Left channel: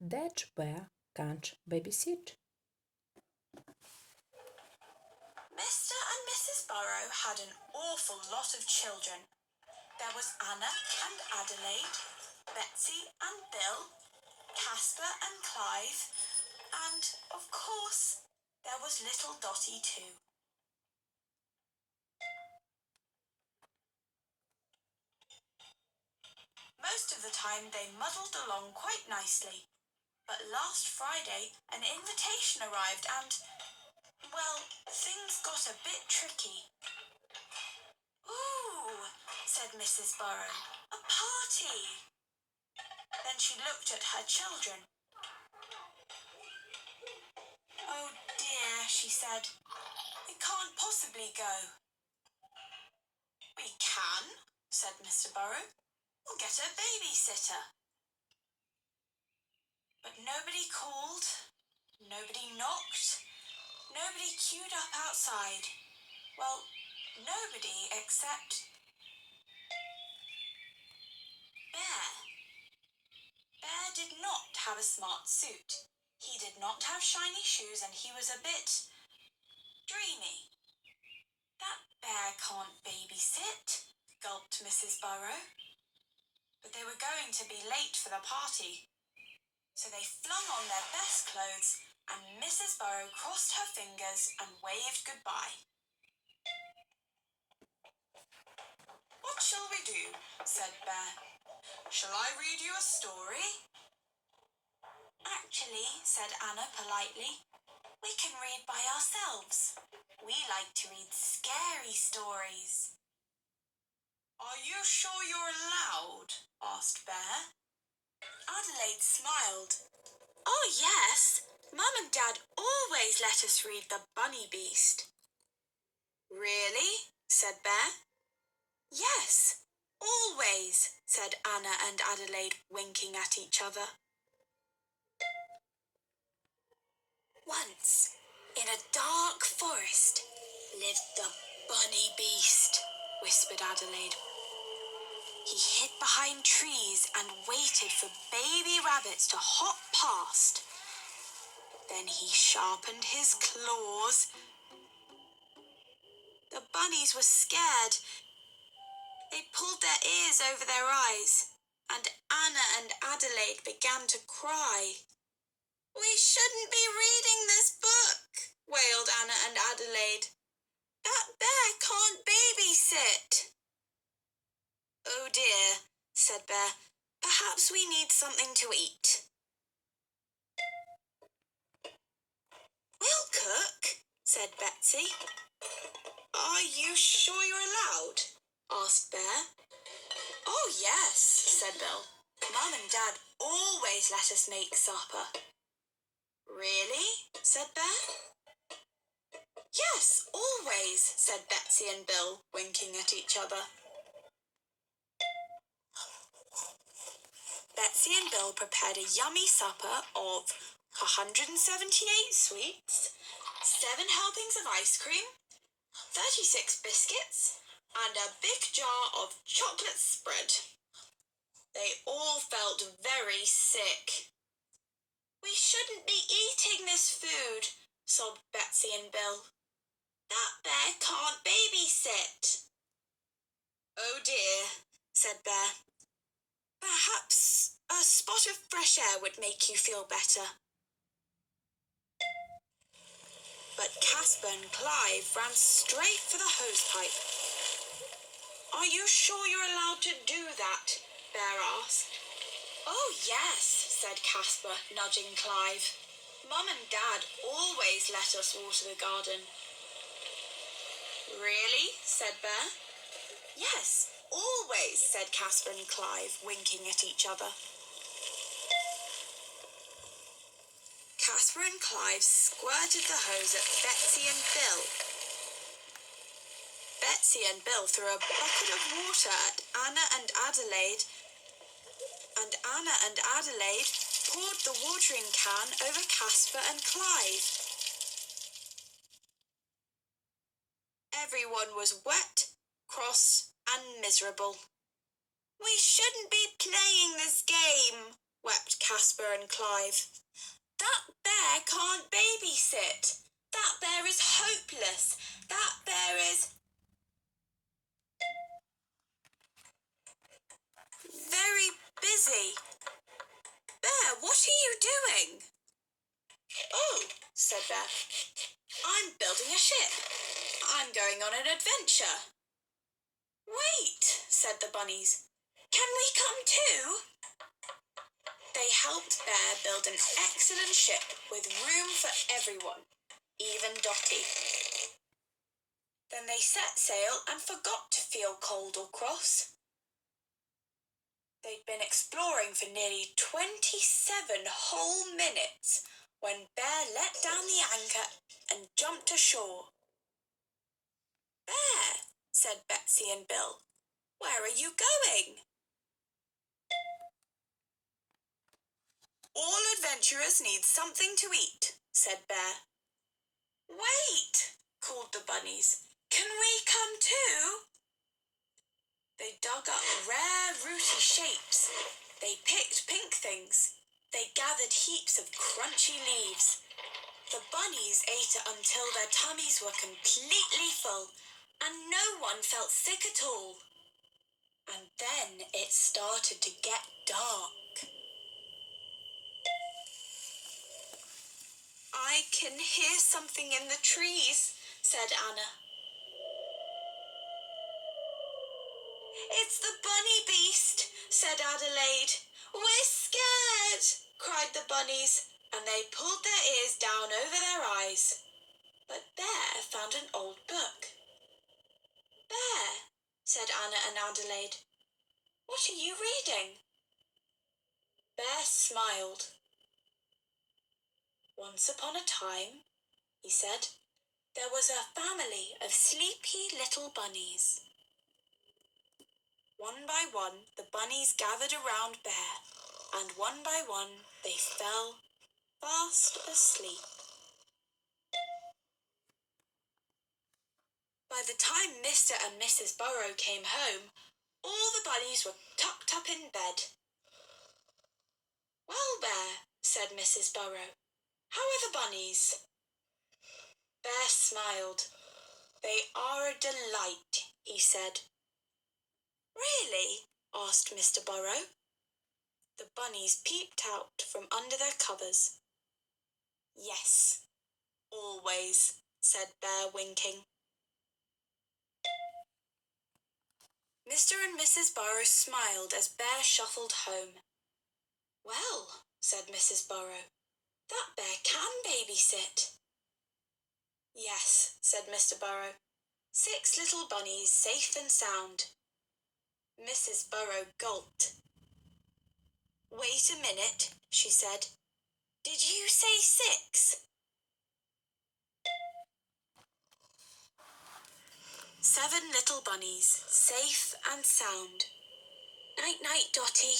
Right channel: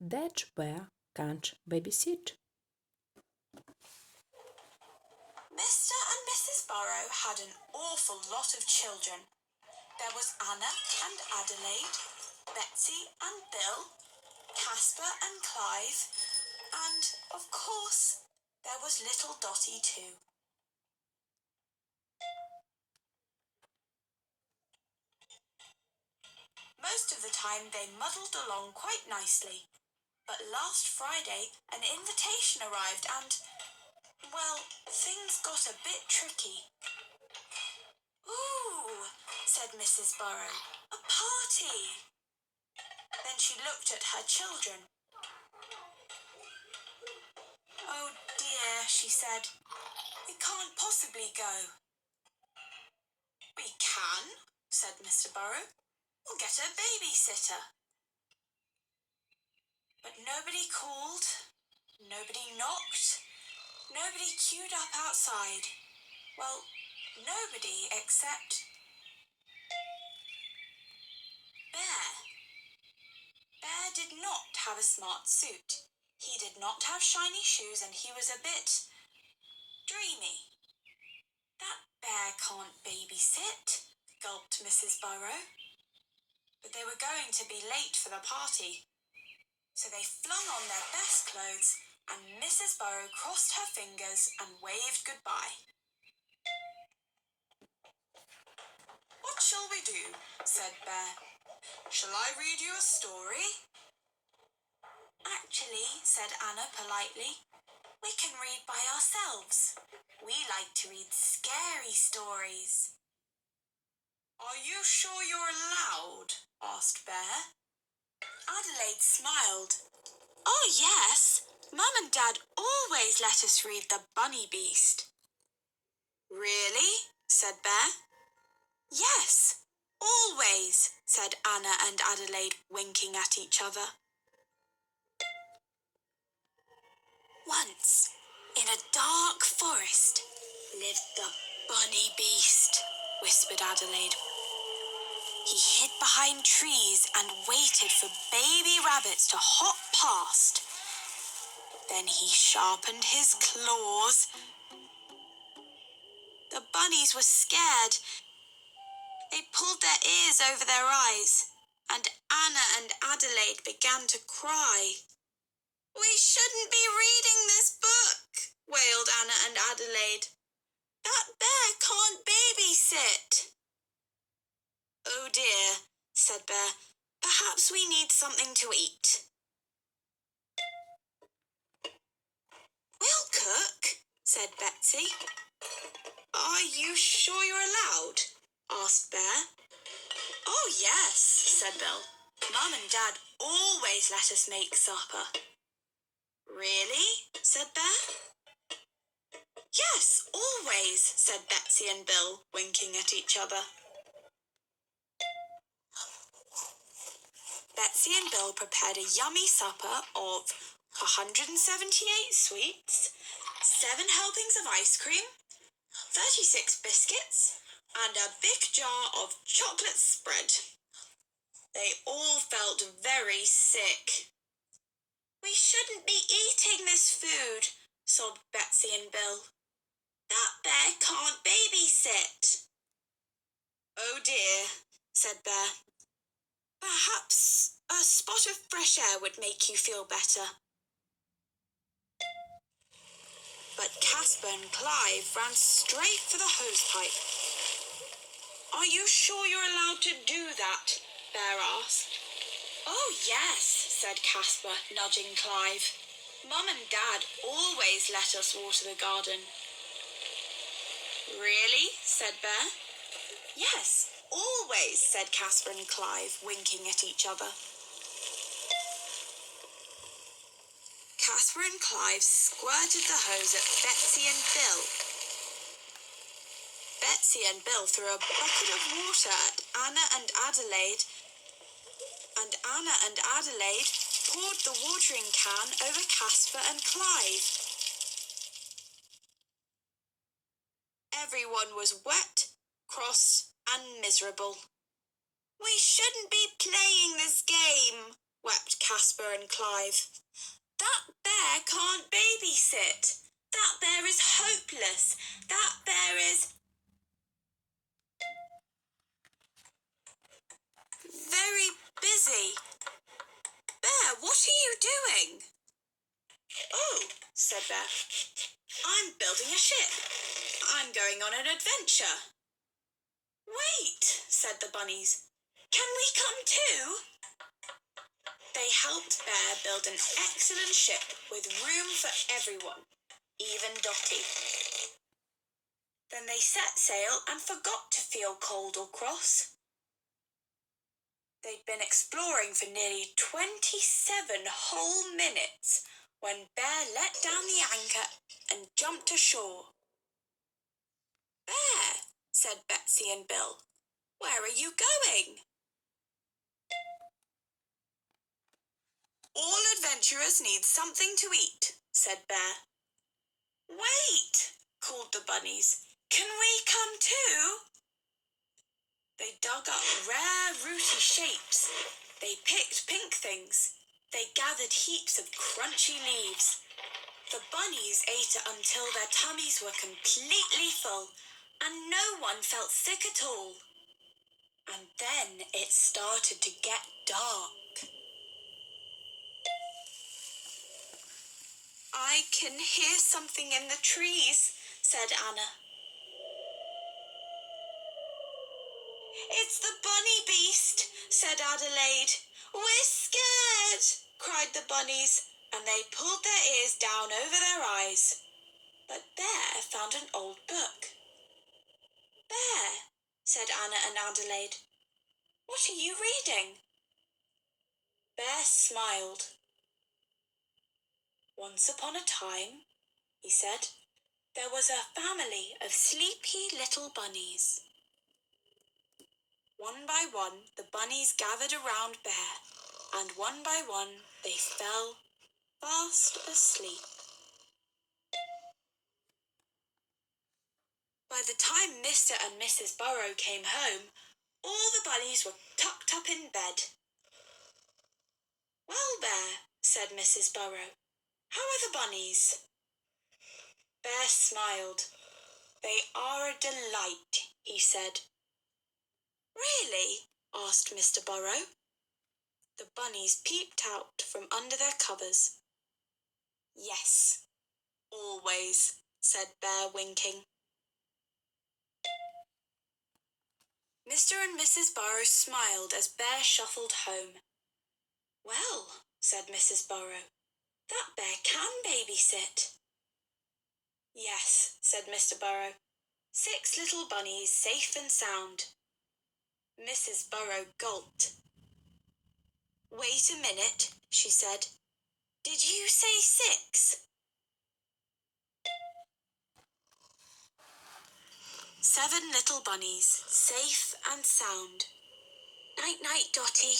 That bear can't babysit. Mr. and Mrs. Burrow had an awful lot of children. There was Anna and Adelaide, Betsy and Bill, Casper and Clive, and, of course, there was little Dotty too. Most of the time they muddled along quite nicely, but last Friday an invitation arrived and, well, things got a bit tricky. "Ooh," said Mrs. Burrow, "a party." Then she looked at her children. "Oh dear," she said, "we can't possibly go." "We can," said Mr. Burrow. "We'll get a babysitter." But nobody called, nobody knocked, nobody queued up outside. Well, nobody except Bear. Bear did not have a smart suit. He did not have shiny shoes and he was a bit dreamy. "That bear can't babysit," gulped Mrs. Burrow. But they were going to be late for the party. So they flung on their best clothes and Mrs. Burrow crossed her fingers and waved goodbye. "What shall we do?" said Bear. "Shall I read you a story?" "Actually," said Anna politely, "we can read by ourselves. We like to read scary stories." "Are you sure you're allowed?" asked Bear. Adelaide smiled. "Oh, yes. Mum and Dad always let us read the Bunny Beast." "Really?" said Bear. "Yes, always," said Anna and Adelaide, winking at each other. "Once, in a dark forest, lived the Bunny Beast," whispered Adelaide. "He hid behind trees and waited for baby rabbits to hop past. Then he sharpened his claws. The bunnies were scared. They pulled their ears over their eyes, and Anna and Adelaide began to cry. "We shouldn't be reading this book," wailed Anna and Adelaide. "That bear can't babysit." "Oh dear," said Bear. "Perhaps we need something to eat." "We'll cook," said Betsy. "Are you sure you're allowed?" asked Bear. "Oh, yes," said Bill. "Mum and Dad always let us make supper." "Really?" said Bear. "Yes, always," said Betsy and Bill, winking at each other. Betsy and Bill prepared a yummy supper of 178 sweets, 7 helpings of ice cream, 36 biscuits, and a big jar of chocolate spread. They all felt very sick. "We shouldn't be eating this food," sobbed Betsy and Bill. "That bear can't babysit." "Oh dear," said Bear. "Perhaps a spot of fresh air would make you feel better." But Casper and Clive ran straight for the hosepipe. "Are you sure you're allowed to do that?" Bear asked. "Oh, yes," said Casper, nudging Clive. "Mum and Dad always let us water the garden." "Really?" said Bear. "Yes, always," said Casper and Clive, winking at each other. Casper and Clive squirted the hose at Betsy and Bill. Betsy and Bill threw a bucket of water at Anna and Adelaide, and Anna and Adelaide poured the watering can over Casper and Clive. Everyone was wet, cross, and miserable. "We shouldn't be playing this game," wept Casper and Clive. That bear can't babysit. That bear is hopeless. That bear is very busy. Bear, what are you doing? Oh, said Bear, I'm building a ship. I'm going on an adventure. Wait, said the bunnies. Can we come too? They helped Bear build an excellent ship with room for everyone, even Dotty. Then they set sail and forgot to feel cold or cross. They'd been exploring for nearly 27 whole minutes when Bear let down the anchor and jumped ashore. Bear, said Betsy and Bill, where are you going? All adventurers need something to eat, said Bear. Wait, called the bunnies. Can we come too? They dug up rare rooty shapes. They picked pink things. They gathered heaps of crunchy leaves. The bunnies ate it until their tummies were completely full, and no one felt sick at all. And then it started to get dark. I can hear something in the trees, said Anna. It's the bunny beast, said Adelaide. We're scared, cried the bunnies, and they pulled their ears down over their eyes. But Bear found an old book. Bear, said Anna and Adelaide, what are you reading? Bear smiled. Once upon a time, he said, there was a family of sleepy little bunnies. One by one, the bunnies gathered around Bear, and one by one they fell fast asleep. By the time Mr. and Mrs. Burrow came home, all the bunnies were tucked up in bed. Well, Bear, said Mrs. Burrow, how are the bunnies? Bear smiled. They are a delight, he said. Really? asked Mr. Burrow. The bunnies peeped out from under their covers. Yes, always, said Bear, winking. Mr. and Mrs. Burrow smiled as Bear shuffled home. Well, said Mrs. Burrow, that bear can babysit. Yes, said Mr. Burrow. 6 little bunnies safe and sound. Mrs. Burrow gulped. Wait a minute, she said. Did you say 6? 7 little bunnies, safe and sound. Night-night, Dotty,